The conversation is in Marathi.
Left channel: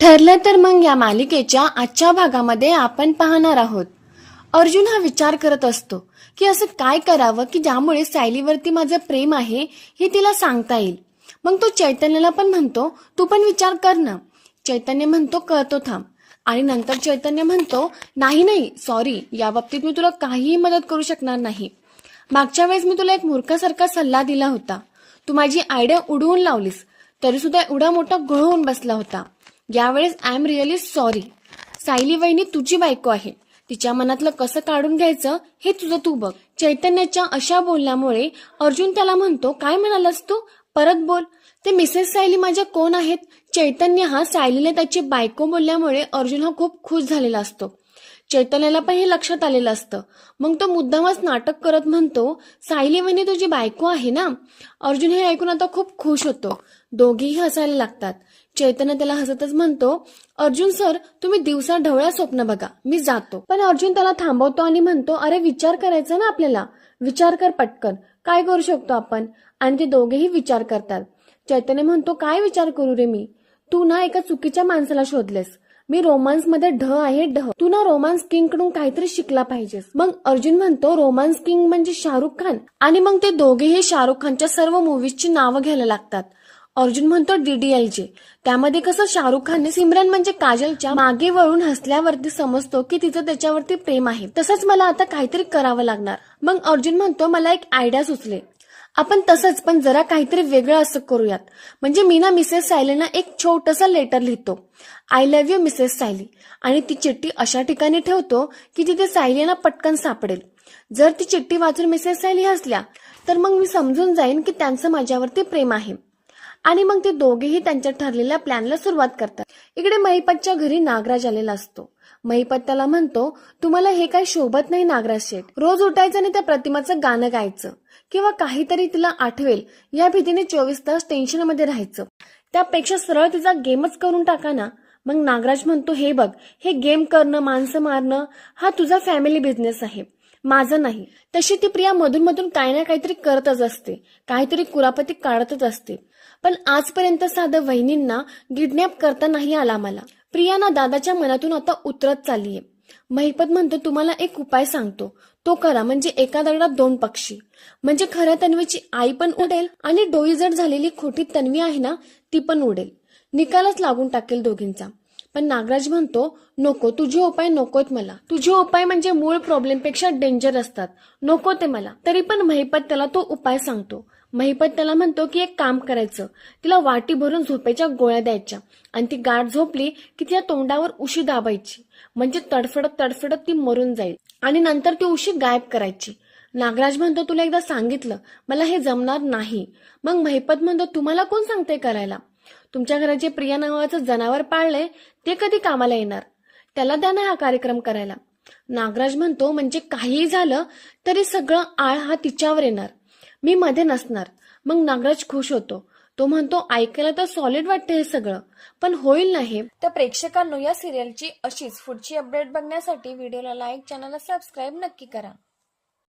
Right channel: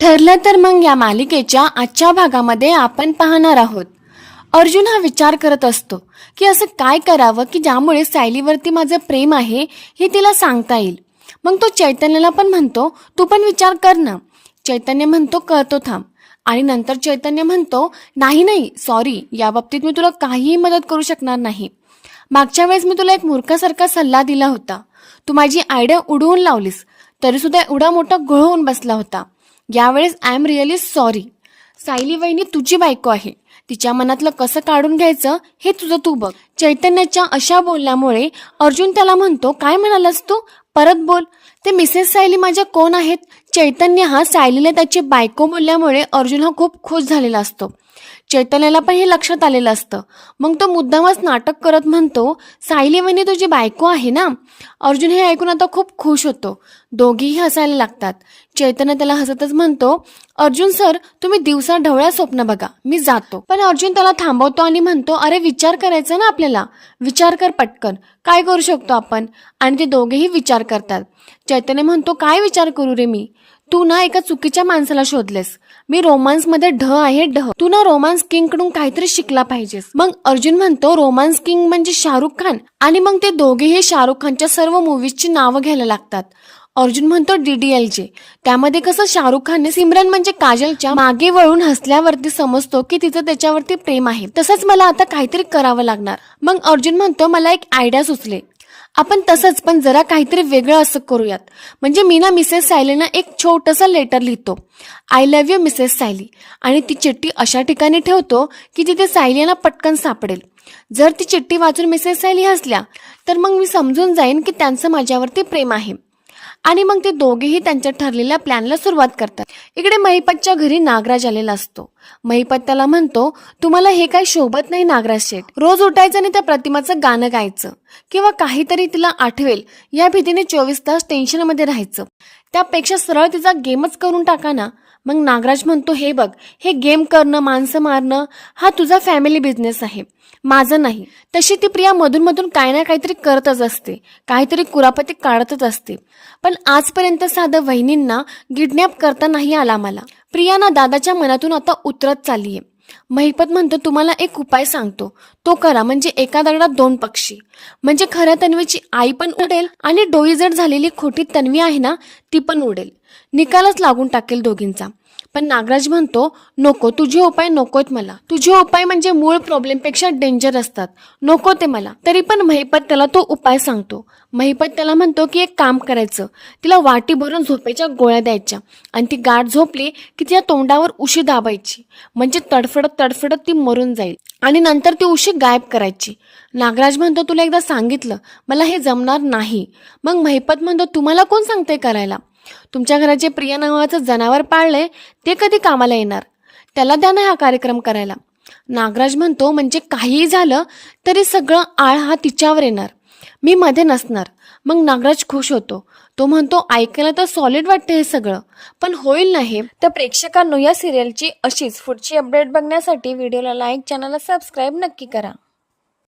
ठरलं तर मग या मालिकेच्या आजच्या भागामध्ये आपण पाहणार आहोत. अर्जुन हा विचार करत असतो की असं काय करावं की ज्यामुळे सायलीवरती माझं प्रेम आहे हे तिला सांगता येईल. मग तो चैतन्याला पण म्हणतो तू पण विचार कर ना. चैतन्य म्हणतो करतो थांब. आणि नंतर चैतन्य म्हणतो नाही नाही सॉरी या बाबतीत मी तुला काहीही मदत करू शकणार नाही. मागच्या वेळेस मी तुला एक मूर्खासारखा सल्ला दिला होता. तू माझी आयडिया उडवून लावलीस तरी सुद्धा एवढा मोठा घोळ होऊन बसला होता. यावेळेस I am really sorry Sayali वहिनी तुझी बायको आहे. तिच्या मनातलं कसं काढून घ्यायचं हे तुझं तू बघ. चैतन्याच्या अशा बोलण्यामुळे अर्जुन त्याला म्हणतो काय म्हणालास तू? परत बोल. ते मिसेस सायली माझ्या कोण आहेत? चैतन्य हा सायलीला त्याची बायको बोलल्यामुळे अर्जुन हा खूप खुश झालेला असतो. चैतन्याला पण हे लक्षात आलेलं असतं. मग तो मुद्दामच नाटक करत म्हणतो सायली म्हणे तुझी बायको आहे ना? अर्जुन हे ऐकून आता खूप खुश होतो. दोघीही हसायला लागतात. चैतन्य त्याला हसतच म्हणतो अर्जुन सर तुम्ही दिवसा ढवळ्या स्वप्न बघा. मी जातो. पण अर्जुन त्याला थांबवतो आणि म्हणतो अरे विचार करायचा ना आपल्याला? विचार कर पटकन. काय करू शकतो आपण? आणि ते दोघेही विचार करतात. चैतन्य म्हणतो काय विचार करू रे मी? तू ना एका चुकीच्या माणसाला शोधलेस. मी रोमांसमध्ये ढ आहे ढ. तू ना रोमांस किंगकडून काहीतरी शिकला पाहिजेस. मग अर्जुन म्हणतो रोमांस किंग म्हणजे शाहरुख खान. आणि मग ते दोघेही शाहरुख खानच्या सर्व मूवीजची नावं घ्यायला लागतात. अर्जुन म्हणतो डीडीएलजे त्यामध्ये कसं शाहरुख खानने सिमरन म्हणजे काजलच्या मागे वळून हसल्यावरती समजतो की तिचं त्याच्यावरती प्रेम आहे. तसंच मला आता काहीतरी करावं लागणार. मग अर्जुन म्हणतो मला एक आयडिया सुचले. आपण तसंच पण जरा काहीतरी वेगळं असं करूयात. म्हणजे मी ना मिसेस सायलीनं एक छोटंसं लेटर लिहितो. I love you Mrs Sayali. आणि ती चिठ्ठी अशा ठिकाणी ठेवतो की तिथे सायलीना पटकन सापडेल. जर ती चिठ्ठी वाचून मिसेस सायली हसल्या तर मग मी समजून जाईन की त्यांचं माझ्यावरती प्रेम आहे. आणि मग ते दोघेही त्यांच्या ठरलेल्या प्लॅनला सुरुवात करतात. इकडे महिपतच्या घरी नागराज आलेला असतो. महिपत त्याला म्हणतो तुम्हाला हे काही शोभत नाही नागराज शेठ. रोज उठायचं आणि त्या प्रतिमाचं गाणं गायचं. किंवा काहीतरी तिला आठवेल. या भीतीने चोवीस तास टेन्शनमध्ये राहायचं. त्यापेक्षा सरळ तिचा गेमच करून टाका ना. मग नागराज म्हणतो हे बघ हे गेम करणं माणसं मारणं हा तुझा फॅमिली बिझनेस आहे. माझं नाही. तशी ती प्रिया मधून मधून काही ना काहीतरी करतच असते. काहीतरी कुरापती काढतच असते. पण आजपर्यंत साधं वहिनींना किडनॅप करता नाही आला मला. प्रिया ना दादाच्या मनातून आता उतरत चाललीये. महिपत म्हणतो तुम्हाला एक उपाय सांगतो. तो करा म्हणजे एका दगडात दोन पक्षी. म्हणजे खऱ्या तन्वीची आई पण उडेल आणि डोईजड झालेली खोटी तन्वी आहे ना ती पण उडेल. निकालच लागून टाकेल दोघींचा. पण नागराज म्हणतो नको तुझे उपाय नकोत मला. तुझे उपाय म्हणजे मूळ प्रॉब्लेमपेक्षा डेंजर असतात. नको ते मला. तरी पण महिपत त्याला तो उपाय सांगतो. महिपत त्याला म्हणतो की एक काम करायचं. तिला वाटी भरून झोपेच्या गोळ्या द्यायच्या. आणि ती गाठ झोपली की तिच्या तोंडावर उशी दाबायची. म्हणजे तडफडत तडफडत ती मरून जाईल. आणि नंतर ती उशी गायब करायची. नागराज म्हणतो तुला एकदा सांगितलं. मला हे जमणार नाही. मग महिपत म्हणतो तुम्हाला कोण सांगते करायला? तुमच्या घरात जे प्रिया नावाचं जनावर पाळलंय ते कधी कामाला येणार? त्याला द्या ना हा कार्यक्रम करायला. नागराज म्हणतो म्हणजे काहीही झालं तरी सगळं आळ हा तिच्यावर येणार. मी मध्ये नसणार. मग नागराज खुश होतो. तो म्हणतो ऐकायला तर सॉलिड वाटतं हे सगळं पण होईल नाही तर प्रेक्षकांनो या सिरियलची अशीच पुढची अपडेट बघण्यासाठी व्हिडिओला लाईक चॅनलला सबस्क्राईब नक्की करा.